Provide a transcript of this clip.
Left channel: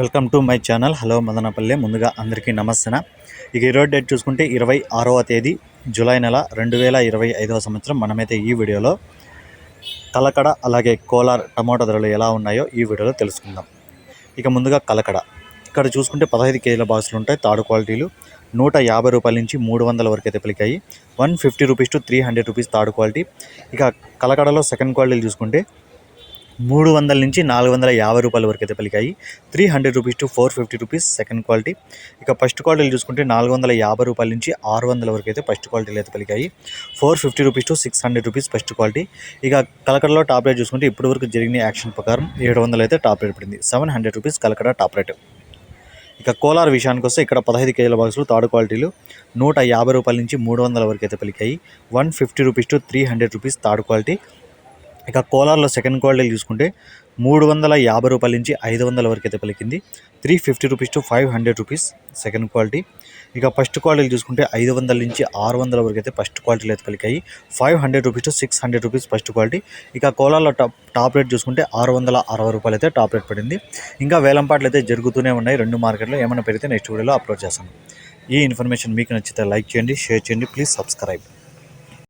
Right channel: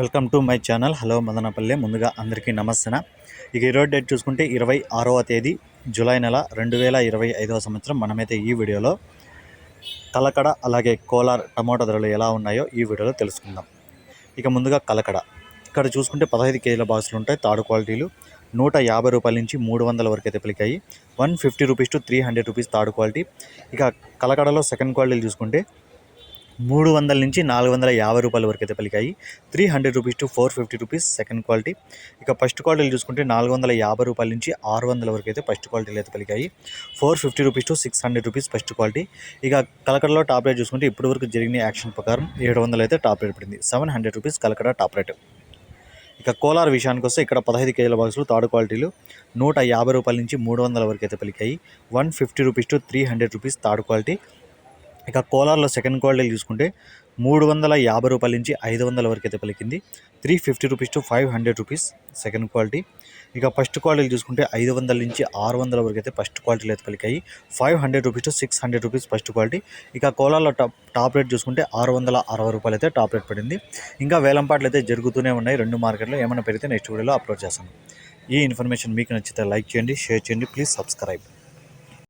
Welcome to my channel. Hello Madanapalle. ముందుగా అందరికీ నమస్తన ఇక ఈరోజు డేట్ చూసుకుంటే ఇరవై ఆరవ తేదీ జూలై నెల రెండు వేల ఇరవై ఐదవ సంవత్సరం. మనమైతే ఈ వీడియోలో కలకడ అలాగే కోలార్ టమాటో ధరలు ఎలా ఉన్నాయో ఈ వీడియోలో తెలుసుకుందాం. ఇక ముందుగా కలకడ. ఇక్కడ చూసుకుంటే పదహైదు కేజీల బాక్సులు ఉంటాయి. తాడు క్వాలిటీలు నూట యాభై రూపాయల నుంచి మూడు వందల వరకు అయితే పలికాయి. One fifty rupees to three hundred rupees third quality. ఇక కలకడలో సెకండ్ క్వాలిటీలు చూసుకుంటే మూడు వందల నుంచి నాలుగు వందల యాభై రూపాయల వరకు అయితే పలికాయి. Three hundred rupees to four fifty rupees second quality. ఇక ఫస్ట్ క్వాలిటీలు చూసుకుంటే నాలుగు వందల యాభై రూపాయల నుంచి ఆరు వందల వరకు అయితే ఫస్ట్ క్వాలిటీలు అయితే పలికాయి. Four fifty rupees to six hundred rupees first quality. ఇక కలకడలో టాప్ రేట్ చూసుకుంటే ఇప్పటి వరకు జరిగిన యాక్షన్ ప్రకారం ఏడు వందలు అయితే టాప్ రేట్ పడింది. Seven hundred rupees Kalakada top rate. ఇక కోలార్ విషయానికి వస్తే ఇక్కడ పదహైదు కేజీల బాక్సులు థర్డ్ క్వాలిటీలు నూట యాభై రూపాయల నుంచి మూడు వందల వరకు అయితే పలికాయి. One fifty rupees to three hundred rupees third quality. ఇక కోలార్లో సెకండ్ క్వాలిటీ చూసుకుంటే మూడు వందల యాభై రూపాయల నుంచి ఐదు వందల వరకు అయితే పలికింది. Three fifty rupees to five hundred rupees second quality ఇక ఫస్ట్ క్వాలిటీ చూసుకుంటే ఐదు వందల నుంచి ఆరు వందల వరకు అయితే ఫస్ట్ క్వాలిటీలు అయితే పలికాయి. Five hundred rupees to six hundred rupees first quality ఇక కోలార్లో టాప్ టాప్ రేట్ చూసుకుంటే ఆరు వందల అరవై రూపాయలు అయితే టాప్ రేట్ పడింది. ఇంకా వేలంపాట్లు అయితే జరుగుతూనే ఉన్నాయి. రెండు మార్కెట్లో ఏమైనా పెరిగితే నెక్స్ట్ వీడియోలో అప్లోడ్ చేస్తాను. ఈ ఇన్ఫర్మేషన్ మీకు నచ్చితే లైక్ చేయండి షేర్ చేయండి. Please subscribe